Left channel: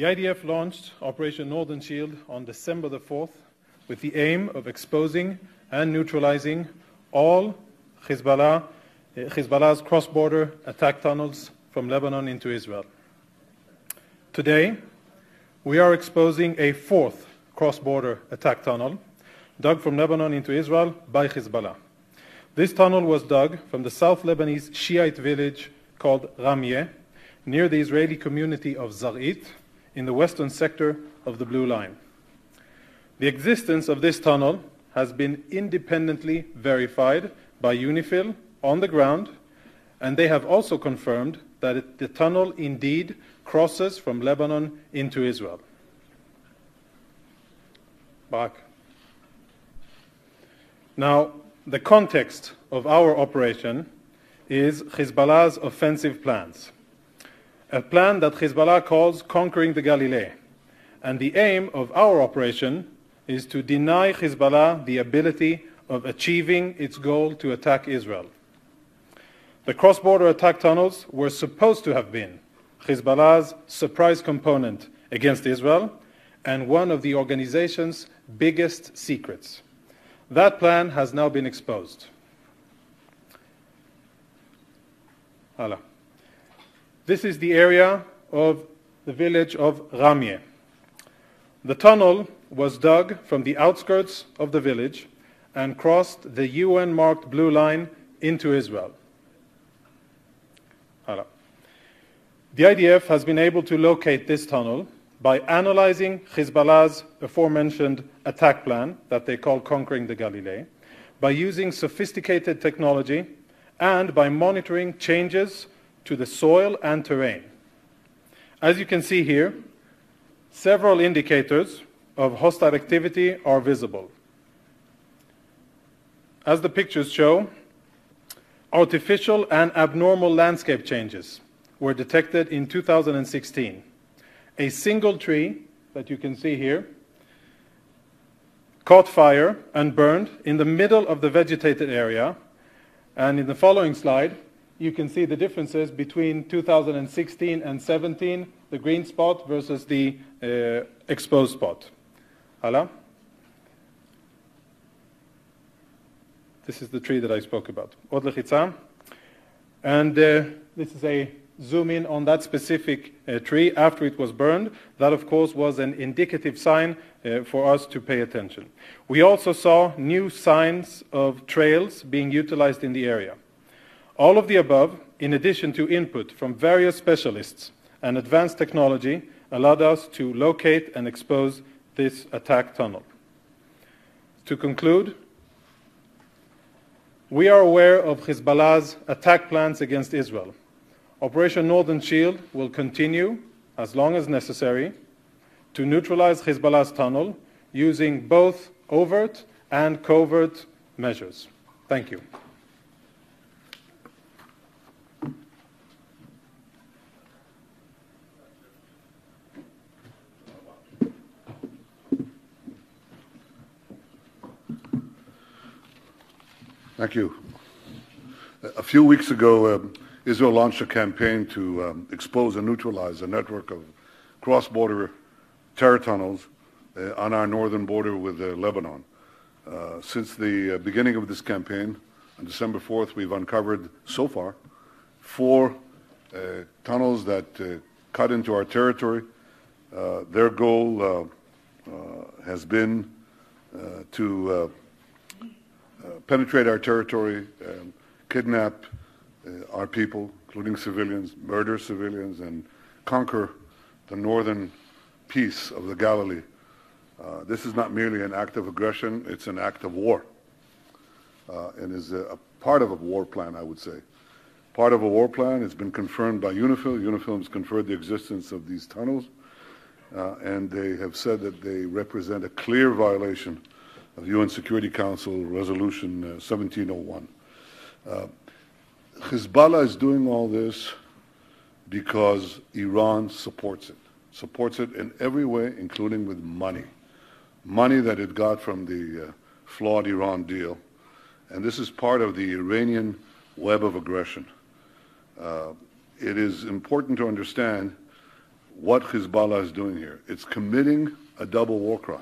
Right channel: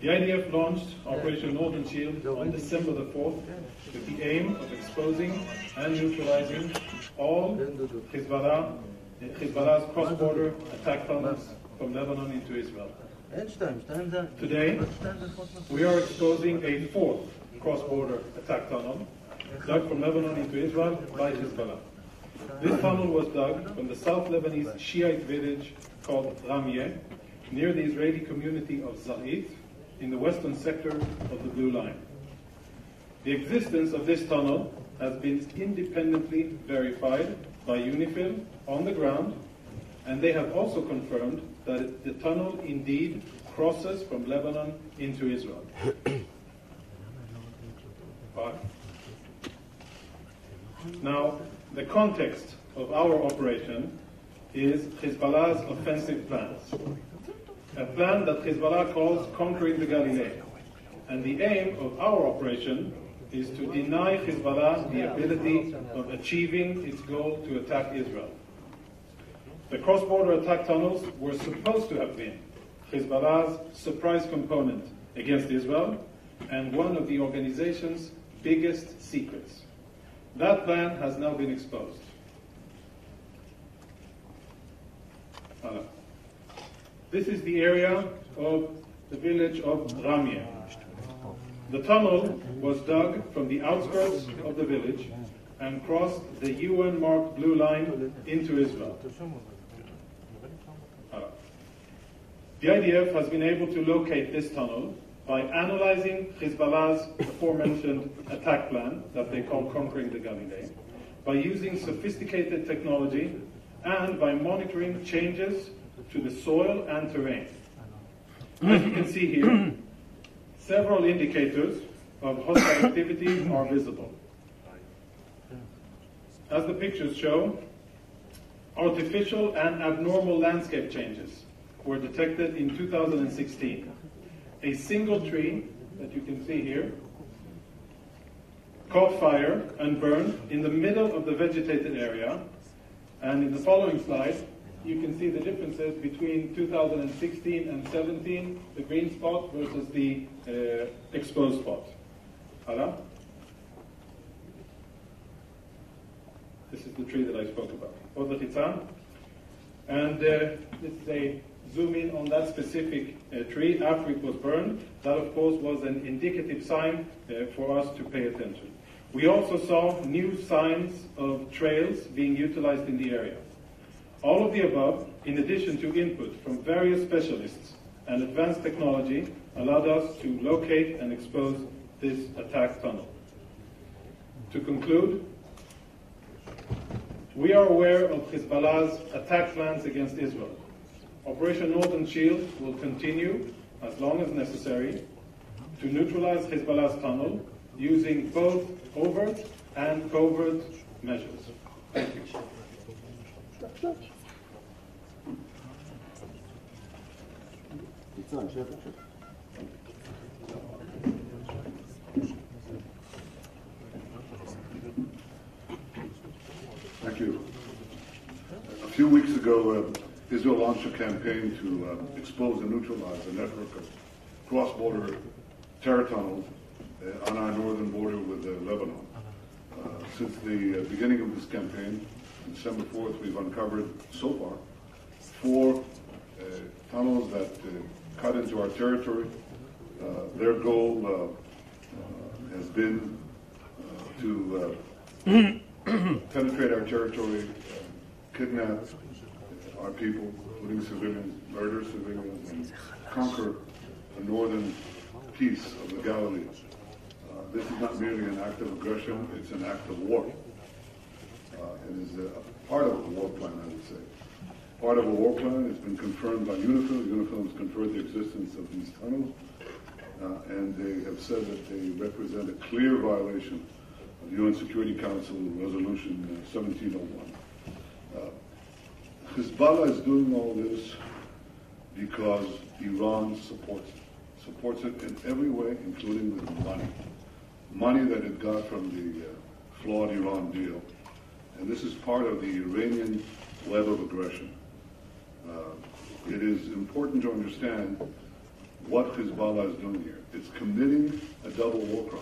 The IDF launched Operation Northern Shield on December the 4th with the aim of exposing and neutralizing all Hezbollah's cross-border attack tunnels from Lebanon into Israel. Today, we are exposing a fourth cross-border attack tunnel dug from Lebanon into Israel by Hezbollah. This tunnel was dug from the South Lebanese Shiite village called Ramyeh, near the Israeli community of Zarit, in the western sector of the Blue Line. The existence of this tunnel has been independently verified by UNIFIL on the ground, and they have also confirmed that the tunnel indeed crosses from Lebanon into Israel. Back. Now, the context of our operation is Hezbollah's offensive plans, a plan that Hezbollah calls conquering the Galilee. And the aim of our operation is to deny Hezbollah the ability of achieving its goal to attack Israel. The cross-border attack tunnels were supposed to have been Hezbollah's surprise component against Israel and one of the organization's biggest secrets. That plan has now been exposed. This is the area of the village of Ramyeh. The tunnel was dug from the outskirts of the village and crossed the UN-marked Blue Line into Israel. The IDF has been able to locate this tunnel by analyzing Hezbollah's aforementioned attack plan that they call conquering the Galilee, by using sophisticated technology, and by monitoring changes to the soil and terrain. As you can see here, several indicators of hostile activity are visible. As the pictures show, artificial and abnormal landscape changes were detected in 2016. A single tree that you can see here caught fire and burned in the middle of the vegetated area. And in the following slide, you can see the differences between 2016 and 17, the green spot versus the exposed spot. Hala? This is the tree that I spoke about. Od lechitza. And this is a zoom in on that specific tree after it was burned. That, of course, was an indicative sign for us to pay attention. We also saw new signs of trails being utilized in the area. All of the above, in addition to input from various specialists and advanced technology, allowed us to locate and expose this attack tunnel. To conclude, we are aware of Hezbollah's attack plans against Israel. Operation Northern Shield will continue, as long as necessary, to neutralize Hezbollah's tunnel using both overt and covert measures. Thank you. Thank you. A few weeks ago, Israel launched a campaign to expose and neutralize a network of cross-border terror tunnels on our northern border with Lebanon. Since the beginning of this campaign, on December 4th, we've uncovered, so far, 4 tunnels that cut into our territory. Their goal has been to penetrate our territory, kidnap our people, including civilians, murder civilians, and conquer the northern piece of the Galilee. This is not merely an act of aggression, it's an act of war. And is a part of a war plan, I would say. Part of a war plan. It's been confirmed by UNIFIL. UNIFIL has confirmed the existence of these tunnels, and they have said that they represent a clear violation of UN Security Council Resolution 1701. Hezbollah is doing all this because Iran supports it in every way, including with money that it got from the flawed Iran deal. And this is part of the Iranian web of aggression. It is important to understand what Hezbollah is doing here. It's committing a double war crime.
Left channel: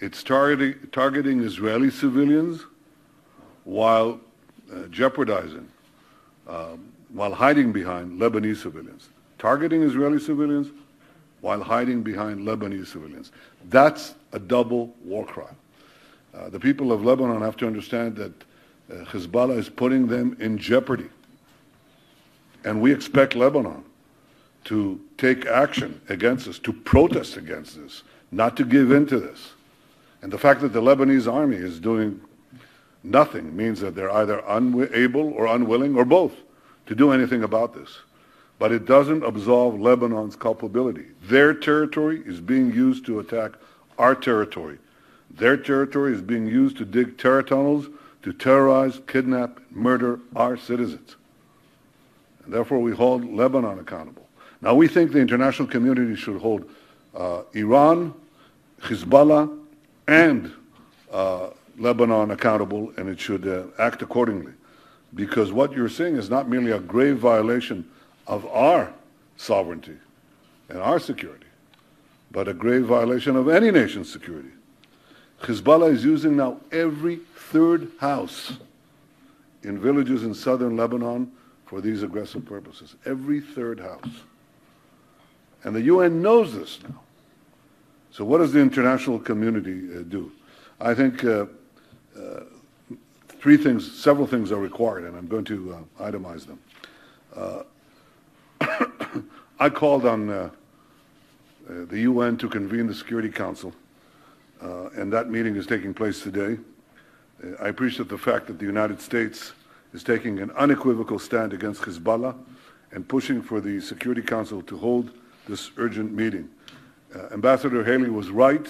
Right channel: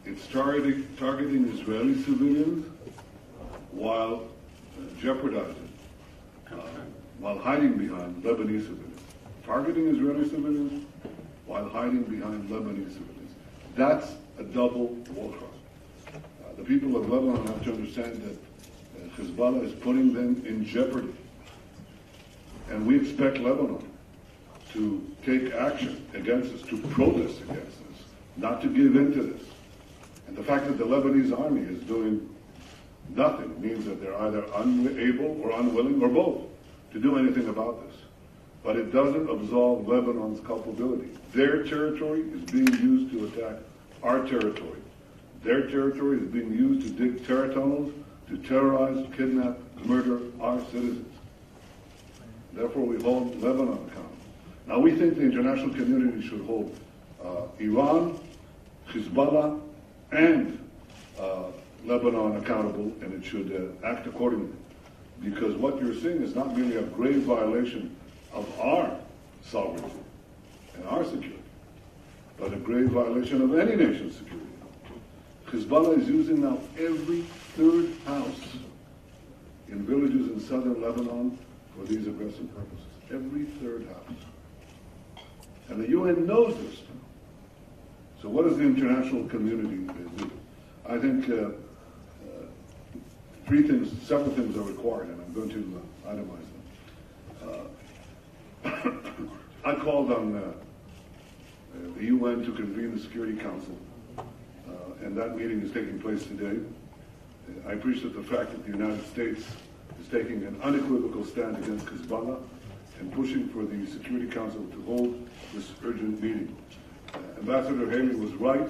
It's targeting Israeli civilians while jeopardizing, while hiding behind Lebanese civilians. Targeting Israeli civilians while hiding behind Lebanese civilians. That's a double war crime. The people of Lebanon have to understand that Hezbollah is putting them in jeopardy. And we expect Lebanon to take action against this, to protest against this, not to give in to this. And the fact that the Lebanese army is doing nothing means that they're either unable or unwilling or both to do anything about this. But it doesn't absolve Lebanon's culpability. Their territory is being used to attack our territory. Their territory is being used to dig terror tunnels, to terrorize, kidnap, murder our citizens. And therefore, we hold Lebanon accountable. Now, we think the international community should hold Iran, Hezbollah, and Lebanon accountable, and it should act accordingly. Because what you're seeing is not merely a grave violation of our sovereignty and our security, but a grave violation of any nation's security. Hezbollah is using now every third house in villages in southern Lebanon for these aggressive purposes. Every third house. And the UN knows this now. So what does the international community do? I think several things are required, and I'm going to itemize them. I called on the UN to convene the Security Council, and that meeting is taking place today. I appreciate the fact that the United States is taking an unequivocal stand against Hezbollah and pushing for the Security Council to hold this urgent meeting. Ambassador Haley was right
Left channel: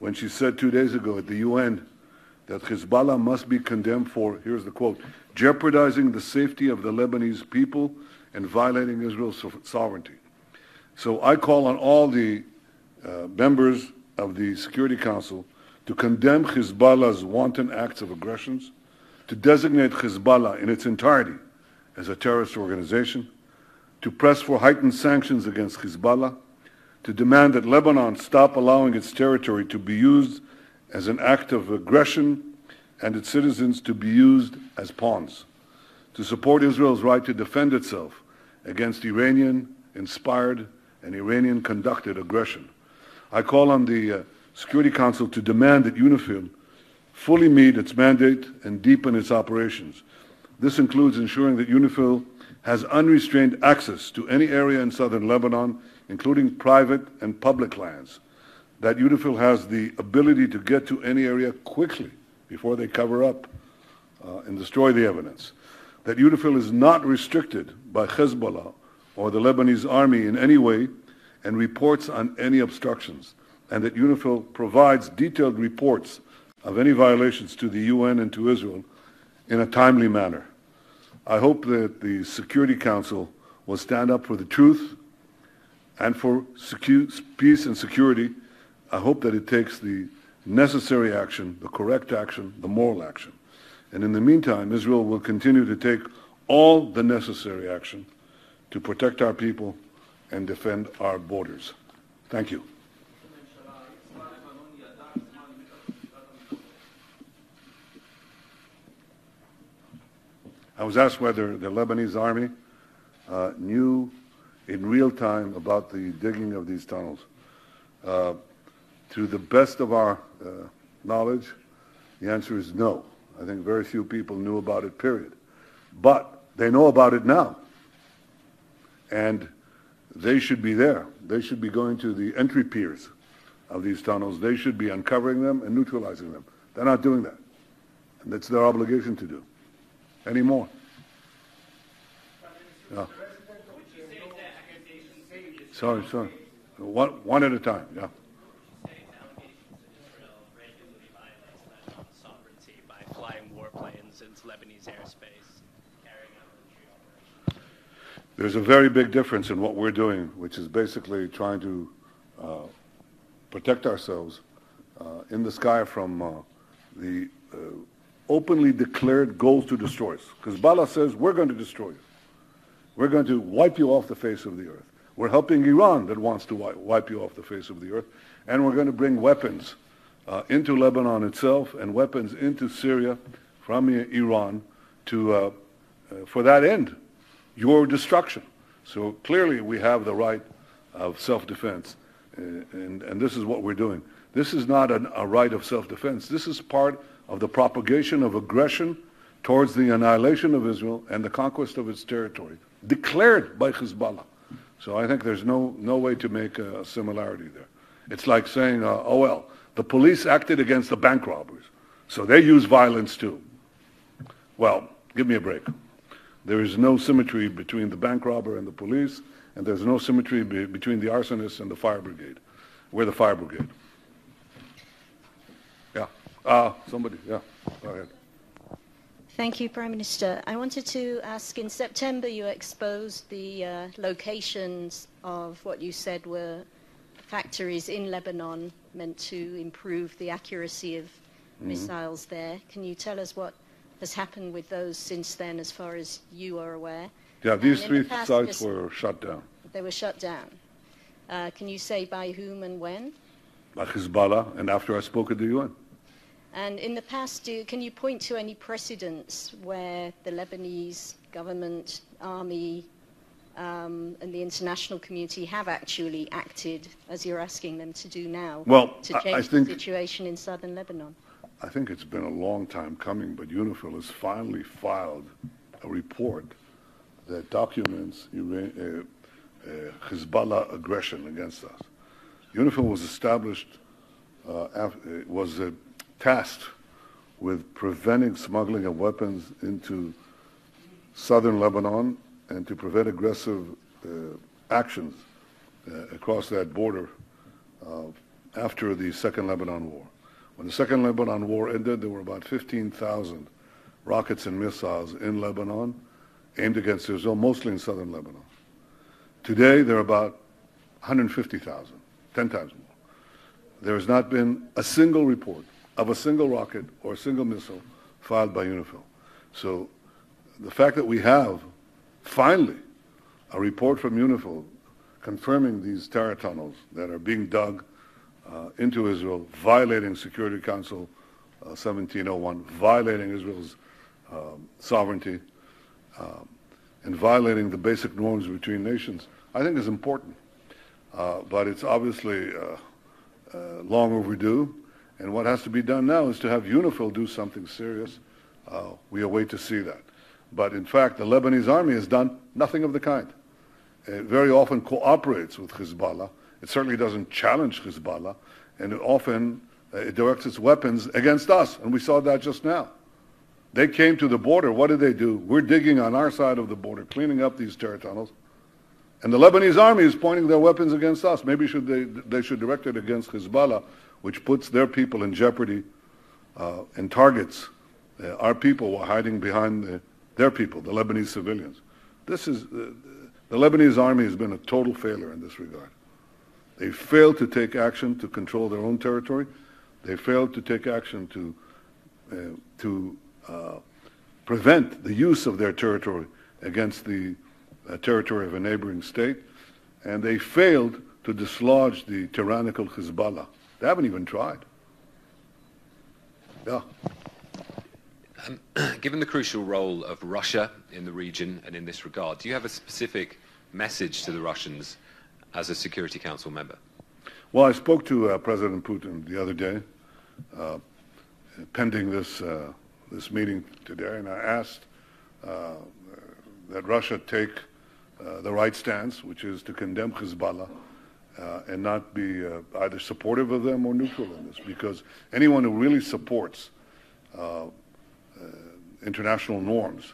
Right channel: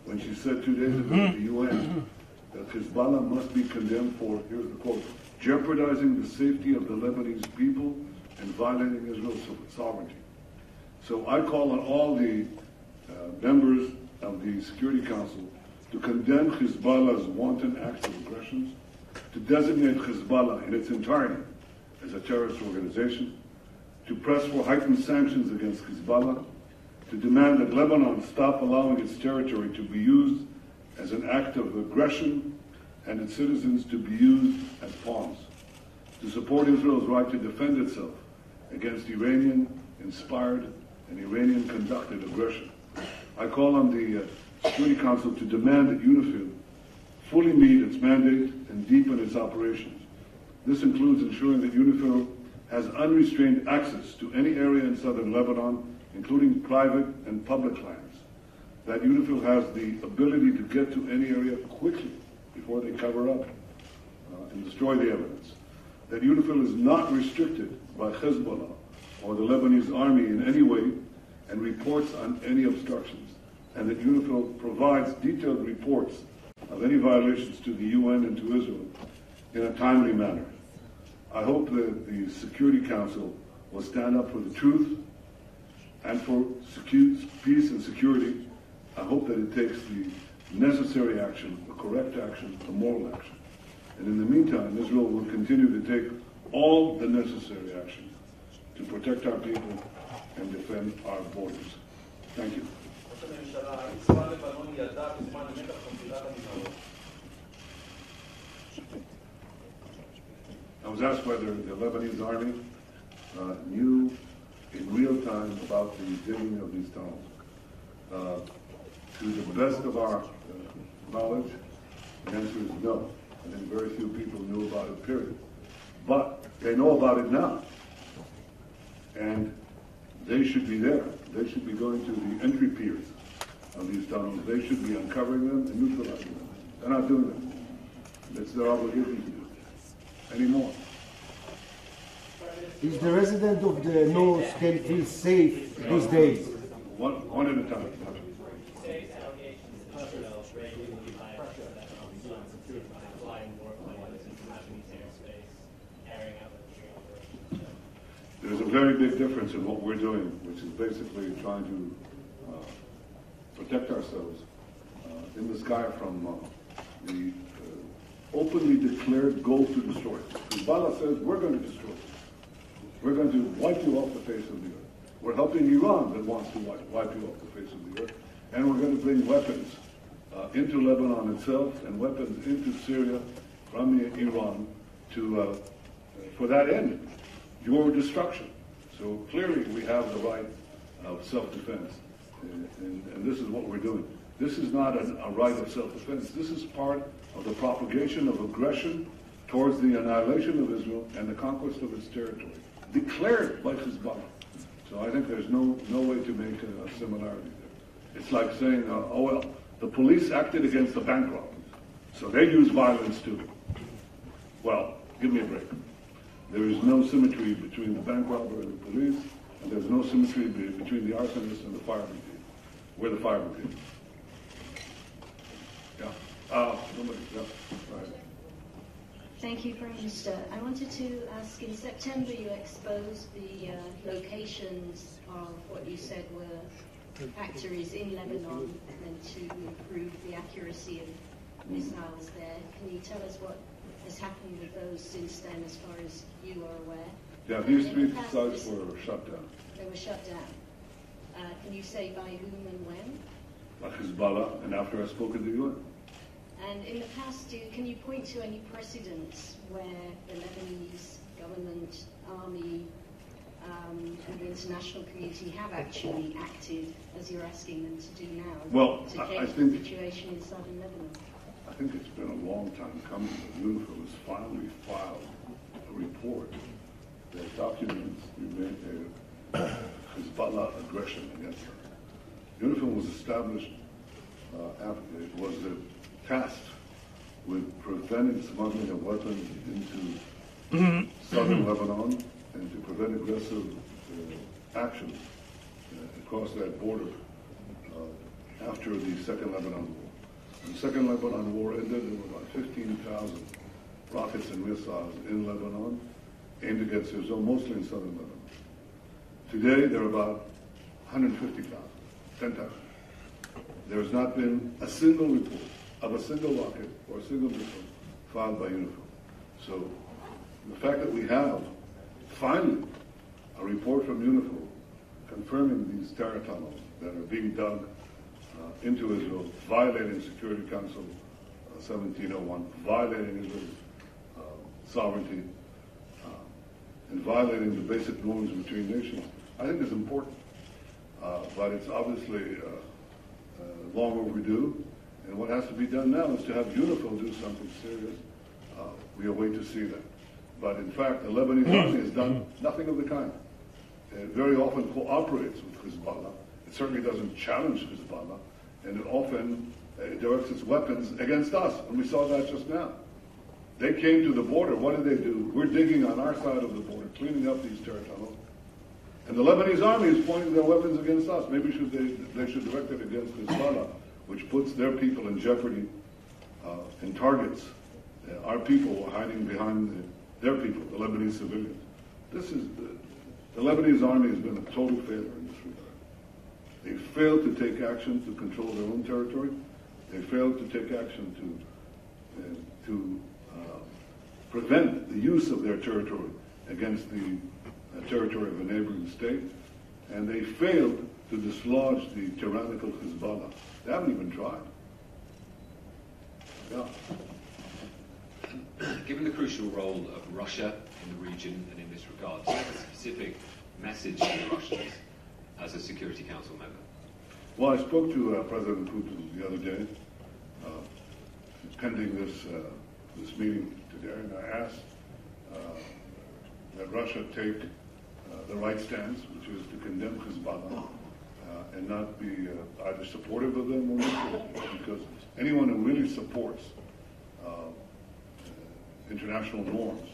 when she said 2 days ago at the UN that Hezbollah must be condemned for, here's the quote, jeopardizing the safety of the Lebanese people and violating Israel's sovereignty. So I call on all the members of the Security Council to condemn Hezbollah's wanton acts of aggressions, to designate Hezbollah in its entirety as a terrorist organization, to press for heightened sanctions against Hezbollah, to demand that Lebanon stop allowing its territory to be used as an act of aggression and its citizens to be used as pawns, to support Israel's right to defend itself against Iranian-inspired and Iranian-conducted aggression. I call on the Security Council to demand that UNIFIL fully meet its mandate and deepen its operations. This includes ensuring that UNIFIL has unrestrained access to any area in southern Lebanon, including private and public lands, that UNIFIL has the ability to get to any area quickly before they cover up and destroy the evidence, that UNIFIL is not restricted by Hezbollah or the Lebanese army in any way and reports on any obstructions, and that UNIFIL provides detailed reports of any violations to the UN and to Israel in a timely manner. I hope that the Security Council will stand up for the truth and for peace and security. I hope that it takes the necessary action, the correct action, the moral action. And in the meantime, Israel will continue to take all the necessary action to protect our people and defend our borders. Thank you. I was asked whether the Lebanese army knew in real time about the digging of these tunnels. To the best of our knowledge, the answer is no. I think very few people knew about it, period. But they know about it now. And they should be there. They should be going to the entry piers of these tunnels. They should be uncovering them and neutralizing them. They're not doing that. That's their obligation to do. Anymore. Is the resident of the north can feel safe these days? One at a time, yeah. There's a very big difference in what we're doing, which is basically trying to protect ourselves in the sky from the openly declared goal to destroy us. Hezbollah says, we're going to destroy you. We're going to wipe you off the face of the earth. We're helping Iran that wants to wipe you off the face of the earth. And we're going to bring weapons into Lebanon itself and weapons into Syria from Iran to, for that end, your destruction. So clearly we have the right of self-defense. And this is what we're doing. This is not a right of self-defense. This is part of the propagation of aggression towards the annihilation of Israel and the conquest of its territory, declared by Hezbollah. So I think there's no way to make a similarity there. It's like saying, oh well, the police acted against the bank robbers, so they use violence too. Well, give me a break. There is no symmetry between the bank robber and the police, and there's no symmetry between the arsonist and the fire brigade. We're the fire brigade. Yeah. Somebody, yeah, go ahead. Thank you, Prime Minister. I wanted to ask, in September you exposed the locations of what you said were factories in Lebanon meant to improve the accuracy of missiles there. Can you tell us what has happened with those since then, as far as you are aware? Yeah, these three sites were shut down. They were shut down. Can you say by whom and when? By Hezbollah, and after I spoke at the UN. And in the past, can you point to any precedents where the Lebanese government, army, and the international community have actually acted as you're asking them to do now to change the situation in southern Lebanon? I think it's been a long time coming, but UNIFIL has finally filed a report that documents Hezbollah aggression against us. UNIFIL was established, was tasked with preventing smuggling of weapons into southern Lebanon and to prevent aggressive action across that border after the Second Lebanon War. When the Second Lebanon War ended, there were about 15,000 rockets and missiles in Lebanon aimed against Israel, mostly in southern Lebanon. Today, there are about 150,000, 10,000. There has not been a single report of a single rocket or a single missile filed by UNIFIL. So the fact that we have, finally, a report from UNIFIL confirming these terror tunnels that are being dug into Israel, violating Security Council 1701, violating Israel's sovereignty, and violating the basic norms between nations, I think is important. But it's obviously long overdue, and what has to be done now is to have UNIFIL do something serious. We await to see that. But in fact, the Lebanese army has done nothing of the kind. It very often cooperates with Hezbollah. It certainly doesn't challenge Hezbollah, and it often directs its weapons against us, and we saw that just now. They came to the border. What did they do? We're digging on our side of the border, cleaning up these terror tunnels, and the Lebanese army is pointing their weapons against us. Maybe they should direct it against Hezbollah, which puts their people in jeopardy and targets our people who are hiding behind their people, the Lebanese civilians. This is the Lebanese army has been a total failure in this regard. They failed to take action to control their own territory. They failed to take action to prevent the use of their territory against the territory of a neighboring state. And they failed to dislodge the tyrannical Hezbollah. They haven't even tried. Yeah. Given the crucial role of Russia in the region and in this regard, do you have a specific message to the Russians as a Security Council member? Well, I spoke to President Putin the other day, pending this meeting today, and I asked that Russia take the right stance, which is to condemn Hezbollah and not be either supportive of them or neutral of them, because anyone who really supports international norms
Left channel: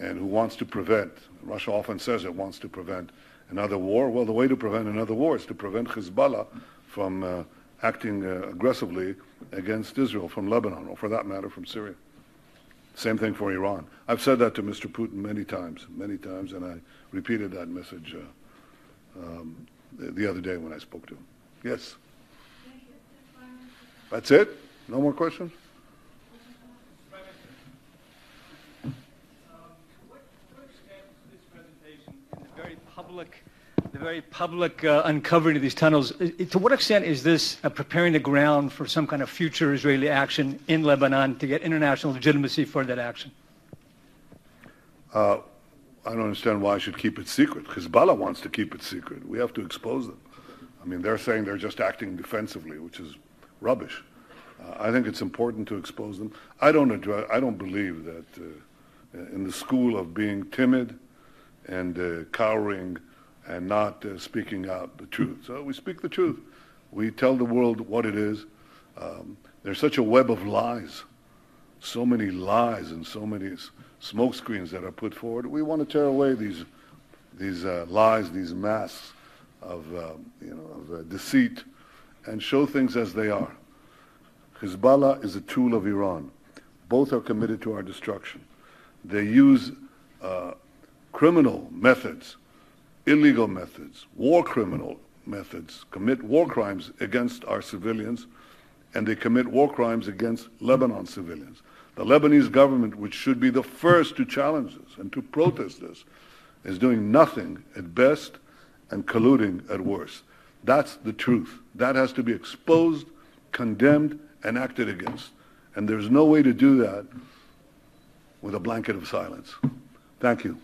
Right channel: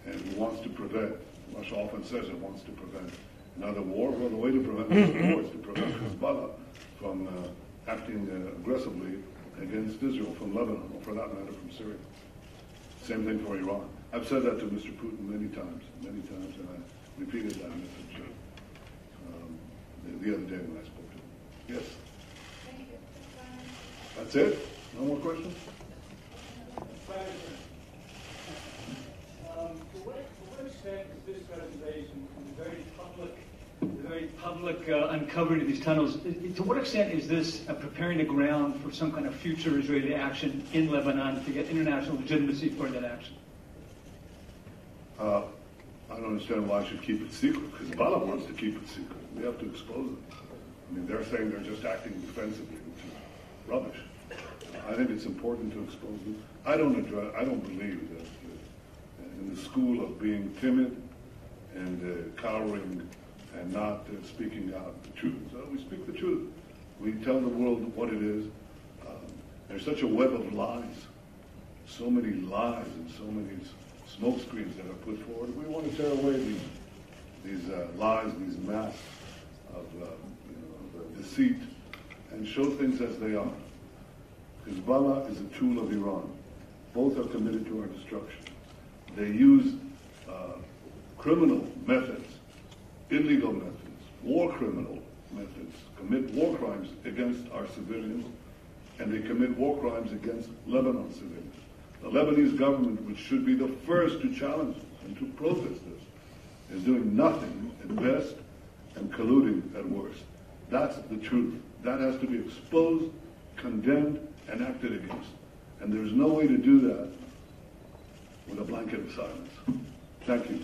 and who wants to prevent, Russia often says it wants to prevent another war. Well, the way to prevent another war is to prevent Hezbollah from acting aggressively against Israel from Lebanon, or for that matter from Syria. Same thing for Iran. I've said that to Mr. Putin many times, and I repeated that message the other day when I spoke to him. Yes? That's it? No more questions? To what extent is this presentation, the very public uncovering of these tunnels. To what extent is this preparing the ground for some kind of future Israeli action in Lebanon to get international legitimacy for that action? I don't understand why I should keep it secret. Hezbollah wants to keep it secret. We have to expose them. I mean, they're saying they're just acting defensively, which is rubbish. I think it's important to expose them. I don't believe that in the school of being timid and cowering and not speaking out the truth. So we speak the truth. We tell the world what it is. There's such a web of lies, so many lies and so many smoke screens that are put forward. We want to tear away these lies, these masks of deceit, and show things as they are. Hezbollah is a tool of Iran. Both are committed to our destruction. They use criminal methods, illegal methods, war criminal methods, commit war crimes against our civilians, and they commit war crimes against Lebanon civilians. The Lebanese government, which should be the first to challenge this and to protest this, is doing nothing at best and colluding at worst. That's the truth. That has to be exposed, condemned, and acted against. And there's no way to do that with a blanket of silence. Thank you.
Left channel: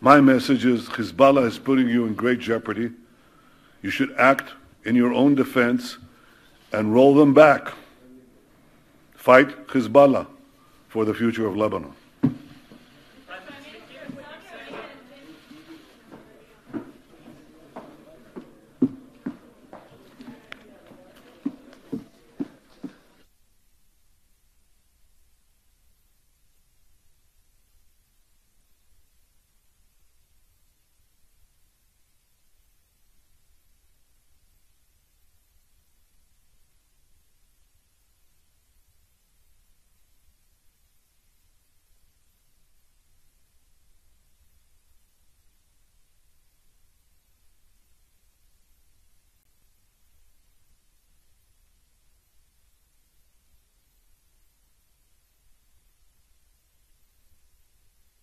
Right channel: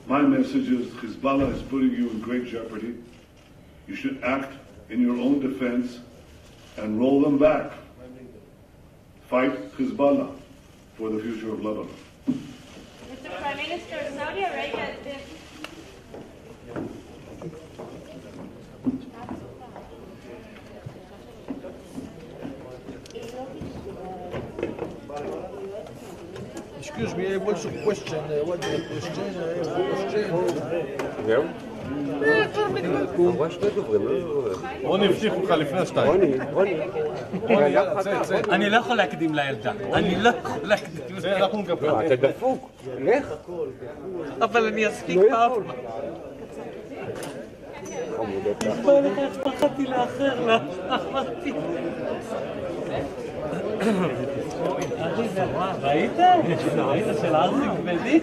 My message is Hezbollah is putting you in great jeopardy. You should act in your own defense and roll them back. Fight Hezbollah for the future of Lebanon. Mr. Prime Minister, Saudi Arabia Excuse me, what's the question? What the question? זהו? אמרה שני דוברים, רוני הבטיח לך לפני השתיים. רוני. אני לא יכול להקדים לילדה. אני לא יכול להקדים. זה אנחנו נקבל. אתה דפוק, לך. אבל אני אספיק פעם. בוא לך, איך פחדתי לאחר לה. אמרתי. ראית? ראית של ארזי כבדי?